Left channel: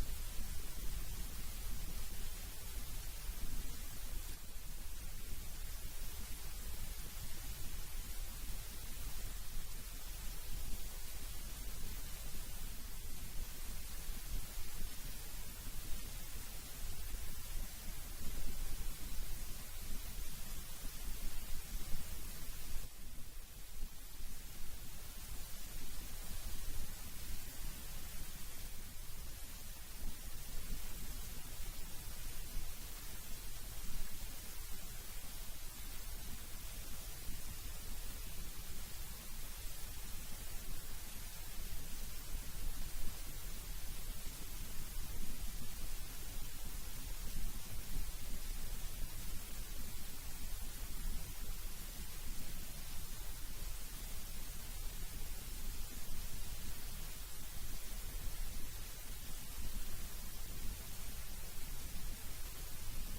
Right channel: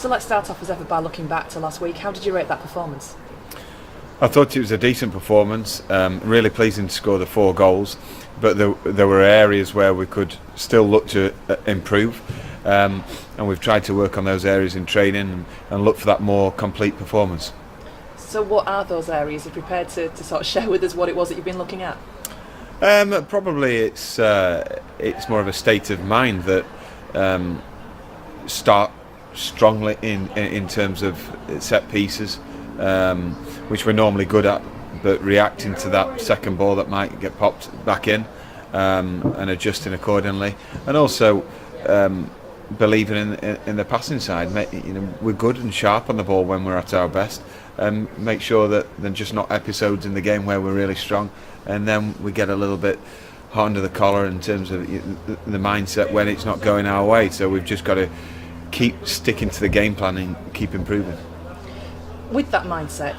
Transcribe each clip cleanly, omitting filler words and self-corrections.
So let's start off as ever by looking back to last week. How did you rate that performance? I thought it was a decent performance, really pleasing to score the 4 goals, but there were areas where we could still look to improve, and we've tried to work on those areas in training and look for that more complete performance. So what are those areas? Are you prepared to sort of share with us what it was that you've been looking at? Probably it's more of a state of mind that start strongly in terms of set pieces, which we're normally good at, but reacting to that second ball that might get popped back in, and adjusting accordingly, and also believing in the passing side. We're good and sharp on the ball when we're at our best, and make sure that they're just not episodes in the game where we're really strong, and then we get a little bit hot under the collar in terms of the mindset when it's not going our way. So we've just got to keep sticking to the game plan and keep improving. With that mindset,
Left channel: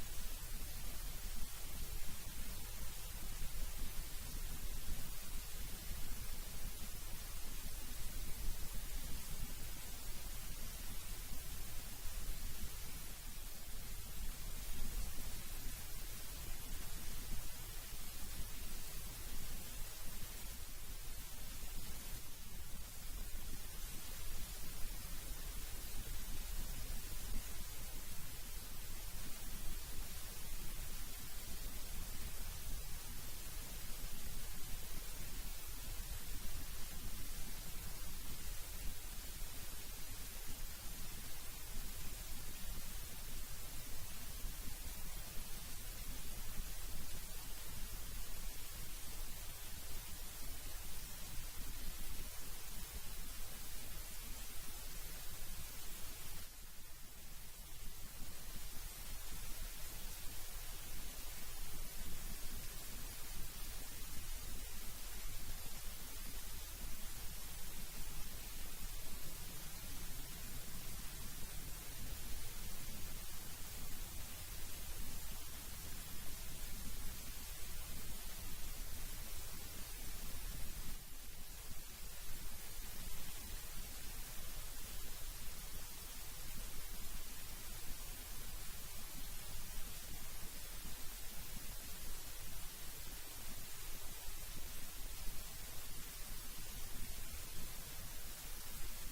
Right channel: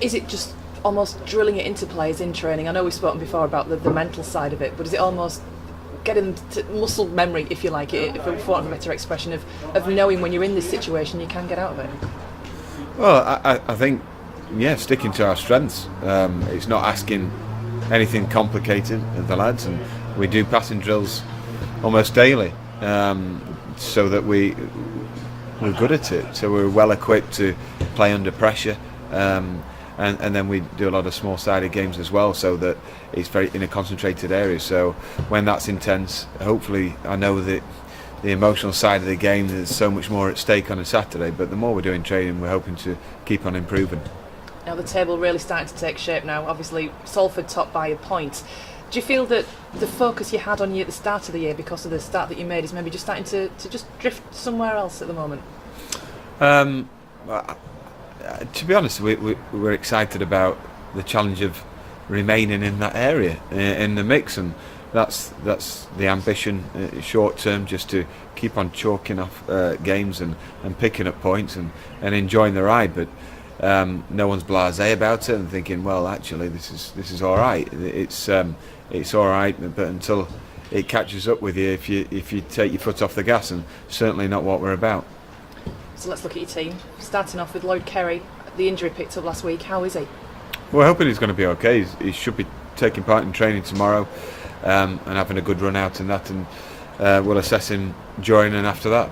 is it just almost drilling it into players in training? I know we've spoken before about the mental side of it, but is it almost getting to muscle memory, if you like, for want of a better expression, of knowing when you're in this situation you can get out of it? Well, I think, sticking to our strengths. It's not asking anything complicated of the lads, and we do passing drills almost daily, so that we're good at it, so we're well equipped to play under pressure, and then we do a lot of small-sided games as well, so that it's very in a concentrated area. So when that's intense, hopefully, I know that the emotional side of the game, there's so much more at stake on a Saturday, but the more we're doing training, we're hoping to keep on improving. Now the table really starting to take shape now. Obviously Salford top by a point. Do you feel that the focus you had on you at the start of the year, because of the start that you made, is maybe just starting to just drift somewhere else at the moment? To be honest, we're excited about the challenge of remaining in that area, in the mix, and that's the ambition, short term, just to keep on chalking off games and picking up points and enjoying the ride. But no one's blasé about it and thinking, well, actually, this is all right. It's all right, but until it catches up with you, if you take your foot off the gas, and certainly not what we're about. So let's look at your team. Starting off with Lloyd Kerry, the injury picked up last week. How is he? We're hoping he's going to be okay. He should be taking part in training tomorrow, and having a good run out in that, and we'll assess him during and after that.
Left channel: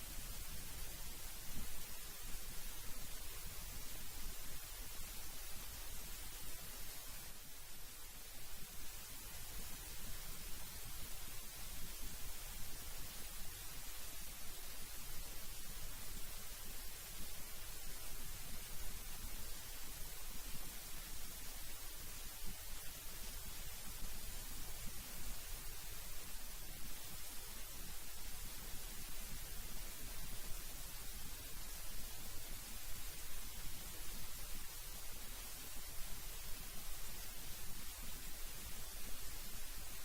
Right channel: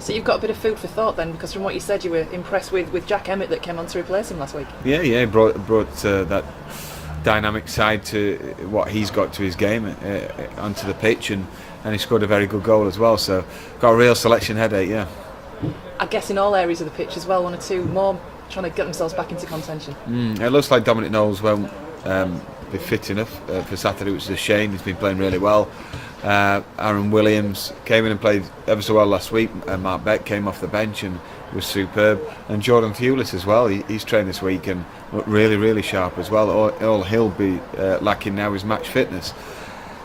So you've got a bit of food for thought then, because from what you said, you were impressed with Jack Emmett that came on to replace him last week. Yeah, he brought that dynamic side to what he's got to his game onto the pitch, and he scored a very good goal as well. So got a real selection headache, yeah. I guess in all areas of the pitch as well, one or two more trying to get themselves back into contention. It looks like Dominic Knowles won't be fit enough for Saturday, which is a shame. He's been playing really well. Aaron Williams came in and played ever so well last week. Mark Beck came off the bench and was superb. And Jordan Thewlis as well. He's trained this week and looked really, really sharp as well. All he'll be lacking now is match fitness.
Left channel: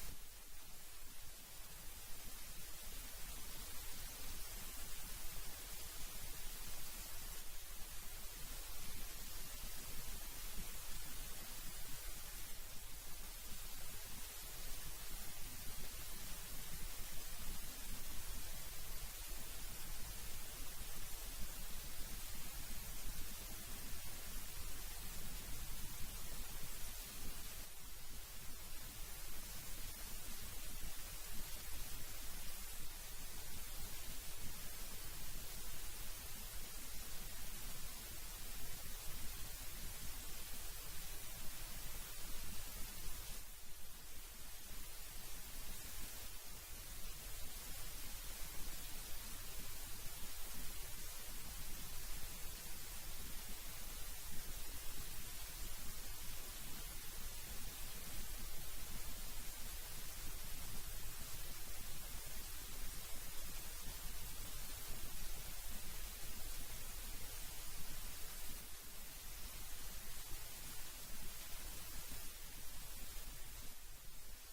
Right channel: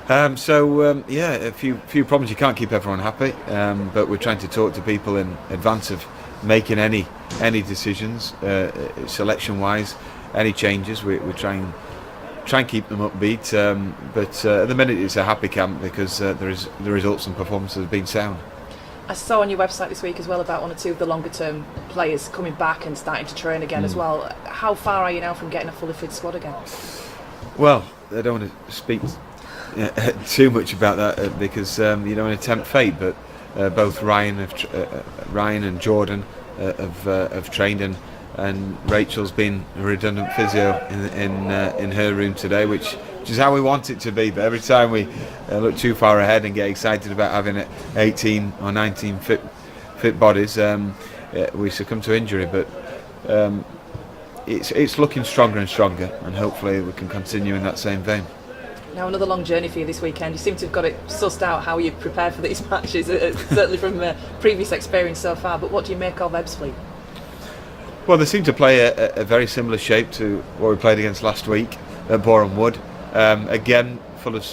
A few problems. You can't keep everyone happy, but we're trying to talk to people in advance of making any decisions, selection-wise, any changes. We try and keep them upbeat, but at the minute it's a happy camp because the results and performances have been sound. I saw on your website this week as well about one or two of the longer-term players coming back and starting to train again as well. How far are you now from getting a fully fit squad again? Well, I don't want to speak too much about that because you don't want to tempt fate, but both Ryan and Jordan have trained, and Rachel's been a redundant physio in her room today, which is how we want it to be. But every time we look too far ahead and get excited about having 18 or 19 fit bodies, we succumb to injury. But it's looking stronger and stronger, and hopefully we can continue in that same vein. Now another long journey for you this weekend. You seem to have got it sussed out how you prepare for these matches, certainly from previous experience so far. But what do you make of Ebbsfleet? Well, they seem to play a very similar shape to what we played against last week at Boreham Wood. Again, full of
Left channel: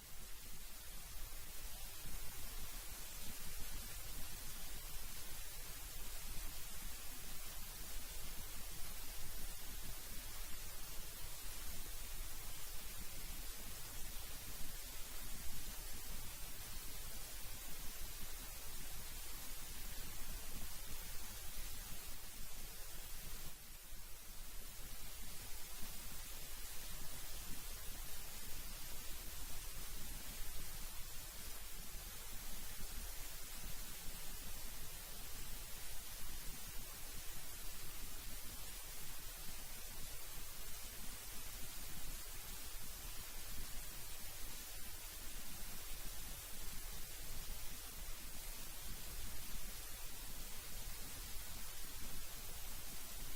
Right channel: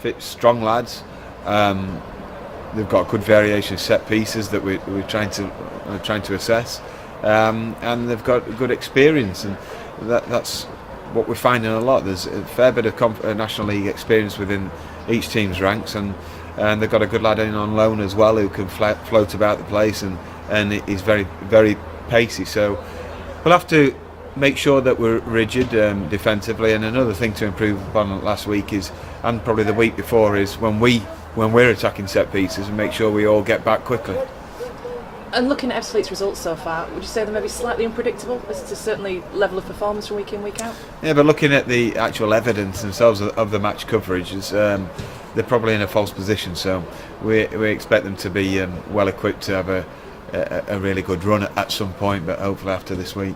fit, strong lads. They've got good variation of set pieces that we're trying to assess, and they've got good experience, and that's what we're finding a lot. There's a fair bit of National League experience within each team's ranks, and they've got a good lad in on loan as well who can float about the place and and he's very, very pacey. So we'll have to make sure that we're rigid defensively. And another thing to improve upon last week is, and probably the week before, is when we're attacking set pieces, and make sure we all get back quickly. And looking at Ebbsfleet's results so far, would you say they're maybe slightly unpredictable as to certainly level of performance from week in, week out? Yeah, but looking at the actual evidence themselves of the match coverage, they're probably in a false position. So we expect them to be well equipped to have a really good run at some point, but hopefully after this week.